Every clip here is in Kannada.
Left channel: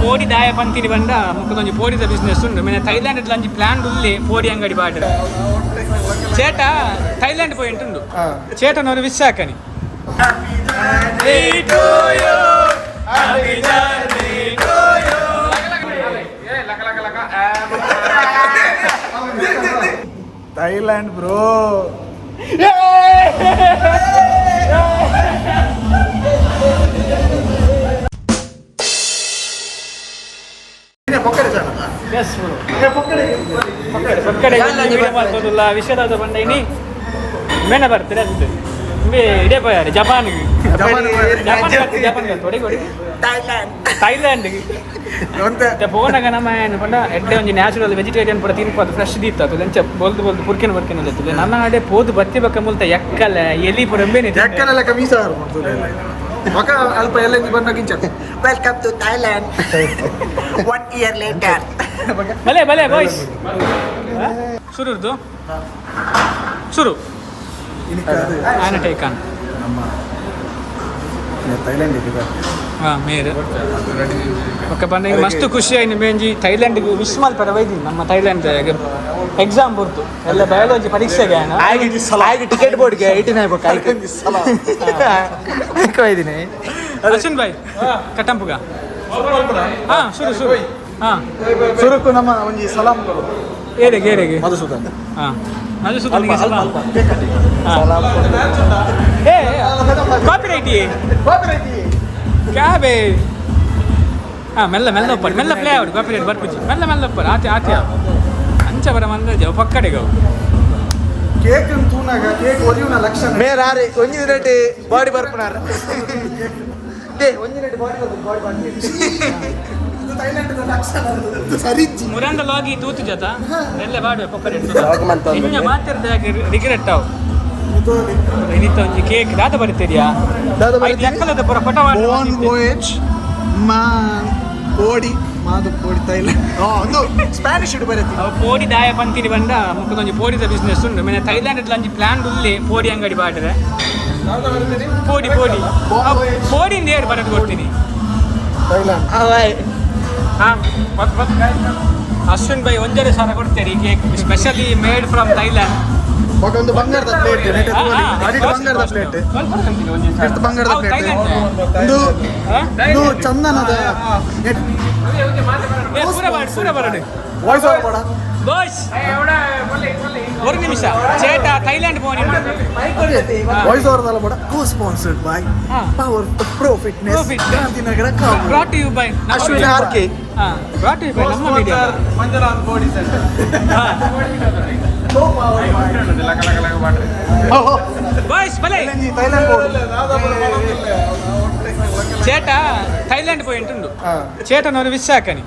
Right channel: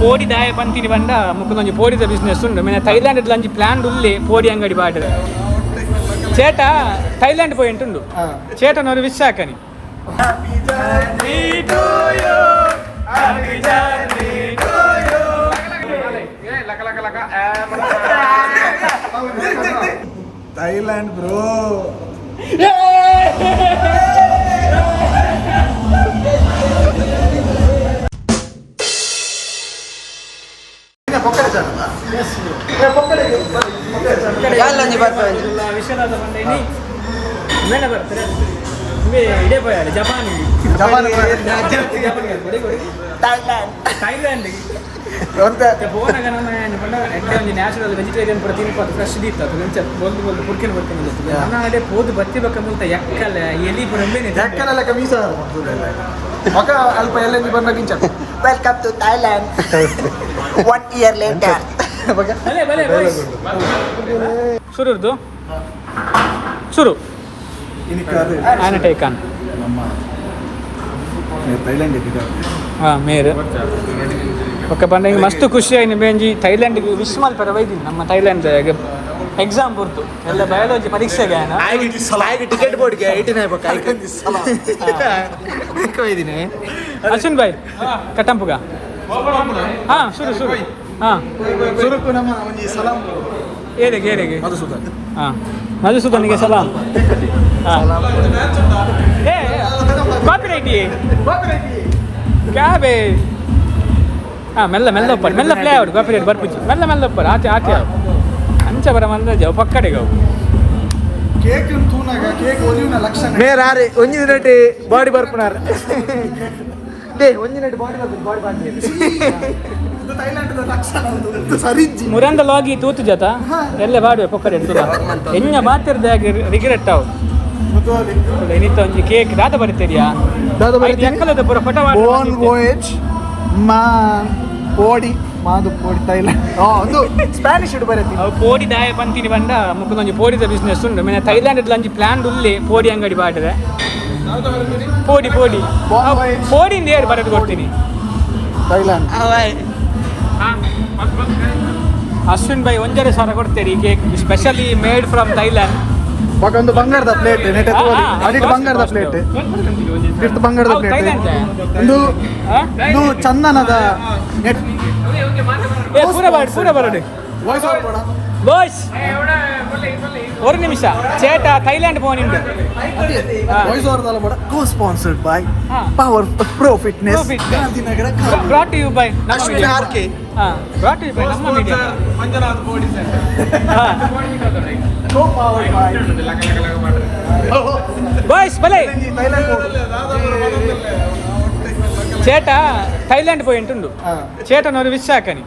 ಪೋಡಿ ದಾಯ ಪಂತಿನಿ ಬಂಡ ಮುಖದೊಂದು ಪೋಡಿದ ಬಿಸ್ನೆಸ್ ಉಂಡು ಮೇನೆ ಥೈಲ್ಯಾಂಡ್ ಲಂಚ್ ಪ್ಲಾನ್ ಉಲ್ಲಿ ಪೋಡಿ ಅಂಗಡಿ ಬಾಡ್ರೆ ചേട്ട ಥೈಲ್ಯಾಂಡ್ പോയിട്ടുണ്ട് ചേട്ടൻ ഒരു വിഷ് ആക്കണി Thailand bro. ವಿಷಯದ ಬಂದ ಇನಿ ಮೇನ ಬರ್ತೀರ ಇದೇ ಪೋಯಾರೆ ಜಪಾನ್ ಥೈಲ್ಯಾಂಡ್ ಬೋನಾಗ ನಮ್ಮ ಪಂಡ ಎಡ್ಡೆ ಒಂಜಿ ನ್ಯಾಚುರಲ್ ವೆಜಿಟೇರಿಯನ್ ಪೂರ ತಿನ್ಪದು ಫ್ರೆಶ್ ದೀತ್ತು ಲಂಚ ಬೋಲ್ದು ಬೋಲ್ದು ಪುರ್ಕಿನ ಪುರ್ಕಿನ ನನ್ನ ಅಡೆ ಪೋದು ಬತ್ತಿ ಬಕ್ಕ ಮುಲ್ತ ಎಕ್ಕಲ ಎಲಿ ಪೂರ ಎಕ್ಕಲೆಲ್ಲ ಕಮೀಸ ಮಕ ಅಲ್ಪ ಎಲ್ಲ ಬಂದ ಕಿಂಚ welcome to Thailand 1 year later Bhale Bhale boys ಶುರುರ್ದು ಶುರು ಆಯ್ನ ಟೇಕಾನ್ ನಮ್ಮ ಥೈಲ್ಯಾಂಡ್ ಮೇರು ಒಕ್ಕ ಬಂದ ಮಸ್ತ್ ಖುಷಿ ಆಯ್ತು ಬೇಂಜಿ ಥೈಲ್ಯಾಂಡ್ಗೆ ವಿಶ್ಮಾಲ್ ಪರ ಒಯ್ದೀನಿ ನಮ್ಮ ಥೈಲ್ಯಾಂಡ್ ಎಕ್ಸಾಮ್ ಬರ್ತು ಎಲ್ಲ ಬಯಾಲಜಿ ಪರೀಕ್ಷೆಗೆ ಟಿಕೆಟ್ ಬೋರ್ಡ್ಗೆ 89 ಒಯ್ದೀನಿ ಅಶ್ವಿನ್ ಬಾಯ್ ಕಟ್ಟಂಪುಗ ಹಾಂ ಶುರು ಶುರು ಹಾಂ ಶುರುಕು ನಮ್ಮ ಒಂದು ಸಲಾಂ ಏರೆಗೆ ಮಧುಸೂದನ್ ಹಾಂ ಮಧುಸೂದನ್ಗೆ ಸಲಾಂ ಏ ಕಾಪಿ ರೈಟಿ ಕ್ಯಾಬೆ ಹಾಂ ಮೆಲ್ಲ ಒಪ್ಪರು ಮೆಲ್ಲ ಪ್ಲೇ ಆವಡು ಕಾಪಿ ರೈಟ್ ಬರ್ಪುಜಿ ಮೆಲ್ಲ ಒಪ್ಪರು ಆತಿ ಅಂಚ ಬರ ಮಂದ ಜವ ಪಕ್ಕಡೆಗೆ ಅವು ಕೇಕ್ ತೂನಾಗ ಕೇಕ್ ಒಲಿಯುನ ಲಕ್ಷಣ ಬೇರೆ ಒಂಜಿ ರೇಟ್ ಬಾಡಿ ಬರ್ಪನಾರ ಒಂಜಿ ರೇಟ್ ಬಾಡಿ ಇದು ಥೈಲ್ಯಾಂಡ್ ಲಕ್ಷಣ ಸರಿಜ್ಜಿ ಮುರಂಡ ಲಾಗಿ ತೂತು ಜತ ಎಲ್ಲ ಬಾಡುವೆ ಪಕ್ಕಡೆ ಎನ್ನ ಮಾತಿರ್ದಾಗ ರಿಗ್ರೆಟ್ ಅವು ಇನ್ನಿತ್ತ ಒಂಜಿ ಕೇಕ್ ದಾದ ಬರೀತೀರಿಯಾ ಐದು ಎಕ್ಕಲದ ಪುರ ಪಟ ಪೋಡಿ ಮಾದು ಥೈಲ್ಯಾಂಡ್ ಒಂದು ಸ್ಪ್ಯಾನಿಷ್ ಇಡು ಬರೀತಿ ಅವು ಪೋಡಿ ದಾಯ ಪಂತಿನಿ ಬಂಡ ಮುಖದೊಂದು ಪೋಡಿದ ಬಿಸ್ನೆಸ್ ಉಂಡು ಮೇನೆ ಥೈಲ್ಯಾಂಡ್ ಲಂಚ್ ಪ್ಲಾನ್ ಉಲ್ಲಿ ಪೋಡಿ ಅಂಗಡಿ ಬಾಡ್ರೆ ಪೋಡಿಂದ ಏರು ಬರೋದು ಕೊಡ್ತೀನಿ ಅಶ್ವಿನ್ ಬೈ 1,000 ಕೊಡ್ತೀರಿ cake specially made from Thailand ಒಂದು ಬಂಗಾರದ ಪ್ಲೇಟ್ ಬಂಗಾರದ ಪ್ಲೇಟ್ ಬಂಗಾರದ ಥೈಲ್ಯಾಂಡ್ ಇದು ಚಂದನದ ಪೂರ ಬರಡು ವಾಯ್ಸ್ ಓವರ್ ಮಾಡ ಬಾಯ್ಸ್ ஒரு நிமிஷம் சேட்டா ಥೈಲ್ಯಾಂಡ್ போனிண்டு ವಾಯ್ಸ್ ಓವರ್ ದಲ್ಲ ಮಾಡ co sponsored by power pro fitness Gandhinagar brought to you by ನಮ್ಮ RK brought to you by ನಮ್ಮ media Manjunath body centre co powered by ಲಕ ಮಾಡ್ರಿ ಬಾಯ್ಸ್ ಬಲೆ ചേട്ടാ ಥೈಲ್ಯಾಂಡ್ പോയിട്ടുണ്ട് ചേട്ടൻ ഒരു വിഷ് ആക്കണി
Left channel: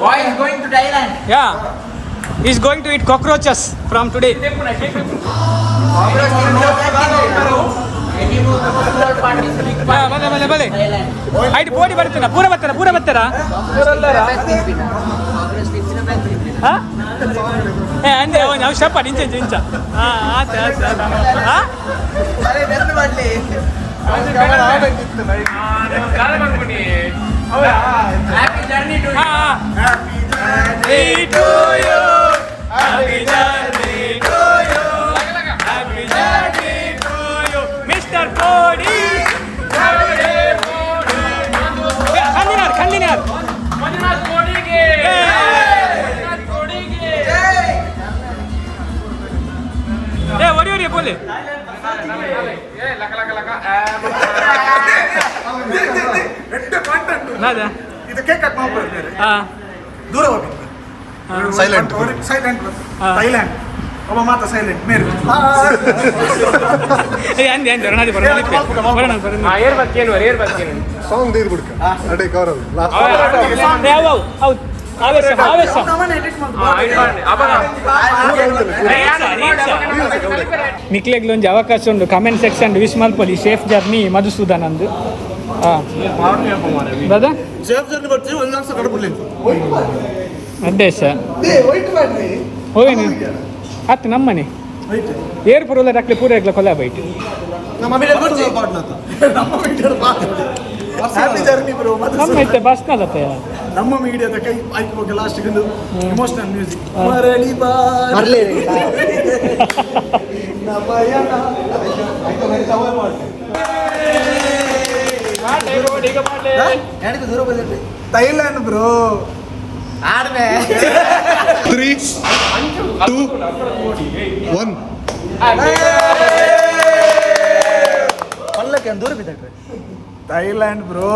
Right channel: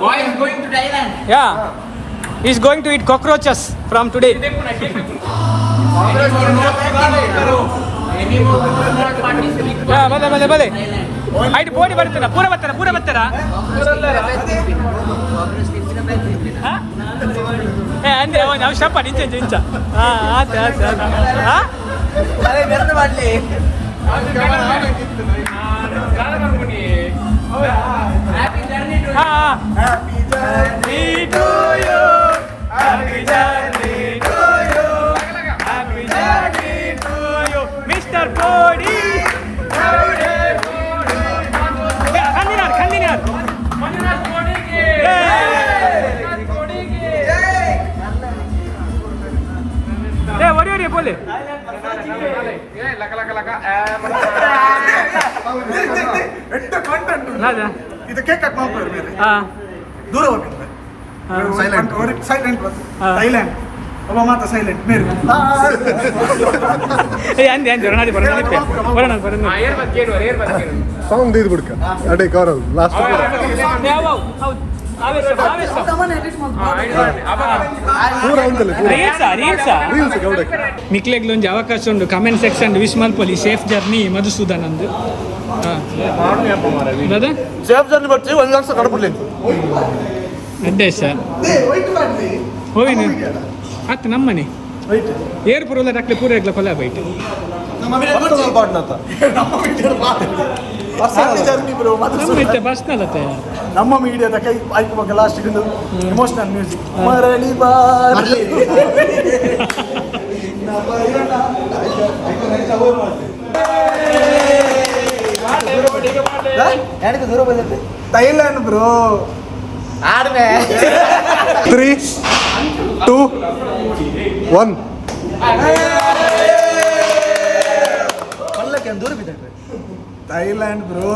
why is going to Thailand yeah he is going to eat cockroaches from today ಬಲೆ ಆಯ್ತು ಪೋಡಿ ಬರ್ತೀನ ಪೂರ ಬರ್ತಾರ ಅಂದ್ರೆ ನಾವು ಶಪ್ಪ ನಿಂಚ ಆತ ಮಾಡ್ಲಿ happy journey to you happy journey to you happy journey to you Mr. Podi kandinar Manjunath Podi ke what bole laka ಎಟ್ಟ ಕಾಂಟೆಂಟ್ ನಾದಾ ಇದು ಕೇಕ್ ಕಟ್ ಮಾಡ್ತಾರೆ ಬೇರೆ ದೂರ ಹೋಗ್ತಾರೆ ಸೈಲೆಂಟ್ ಥೈಲ್ಯಾಂಡ್ ಒಬ್ಬ ಮಾತ್ರ ಸೈಲೆಂಟ್ ಮೇರೆ ಅಂದೆ ರಣಾದಿ ಬರೋಣ ಏರ್ ಬಕ್ಕೇನು ಸಾಂಗ್ ದೀದ್ ಬಿಡ್ಕ ಅಡೆ ಕರೋ ಲಾಸ್ಟ್ ಹೌದು ಮಿಕ್ಲೆಗ್ಲ ಒಂದು ಅವಕಾಶ ಉಂಟು ಕಮೆಂಟ್ ಸೆಕ್ಷನ್ ವಿಶ್ ಮಲ್ಪೊಲಿ ಸೇಫ್ ಜರ್ನಿ ಮಧುಸೂದನ್ ಅಂದು ಸೇಫ್ ಜರ್ನಿ ಬರ್ತೀವಿ 1 ಲಕ್ಷ ಕಡಪುಡ್ಲಿ ಅಡ್ಡೆ ಸರ್ ಹೋಗಿ ಹತ್ತು ನಮ್ಮನೆ ಏರ್ಪುರ ರಕ್ಲೆ ಪೂರ ಕೊಲ್ಲ ಬೈಟ್ ನಮ್ಮ ಮೀಡಿಯಾ ಪಾಡ್ನತ್ತ ಹ್ಯಾಪಿ ಜರ್ನಿ ಬ್ರೋ ನಮ್ಮ ಇತ್ತೆ ಬಸ್ನಲ್ಲತ್ತೆ ನಮ್ಮ ಮೀಡಿಯಾದ ಕೈ ಆಯ್ಕೆ ಬಗ್ಗೆ ಲಾಸ್ಟ್ ಎಮೋಷನಲ್ ಮ್ಯೂಸಿಕ್ ಮರಳಿ ಬಾರಲಿ ಥೈಲ್ಯಾಂಡ್ ಬ್ರೋ ಆಡ್ಮೆ 3 2 1 ಥೈಲ್ಯಾಂಡ್ ಬ್ರೋ